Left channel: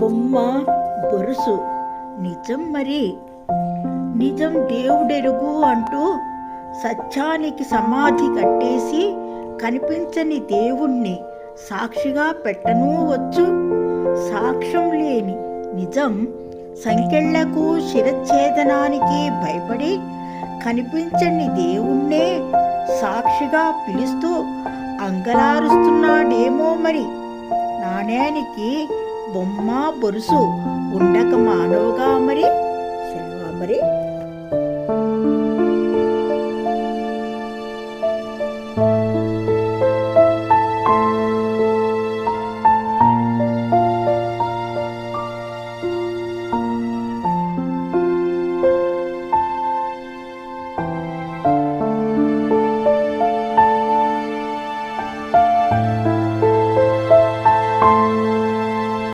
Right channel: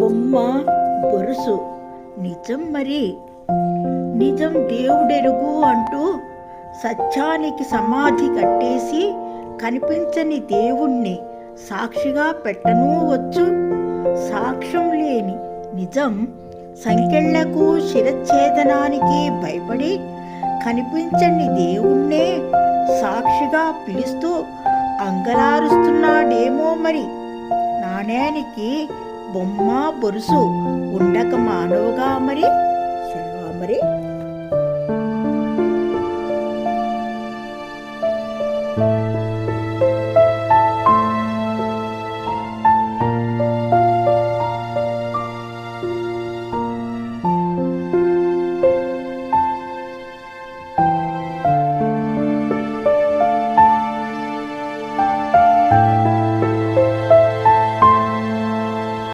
బొమ్మ బొరుసు. నిజం మరి. నిజం దేవుడెరుగు అంటూ సత్యానికి సమాధి కట్టేసి కనిపించని దేవుణ్ణి సాక్షిగా పెట్టనూ వచ్చు. సాక్ష్యం లేని నిజం సంకెళ్ళకు శిరచ్ఛేదనానికి భయపడి కనిపించని దేవుణ్ణే సాక్షిగా పిలుస్తూ అంగలారుస్తున్నాడేమో మరి. నాణ్యానికి బొమ్మ బొరుసు ఉండక మానవుగా మరి సెలవా మరి.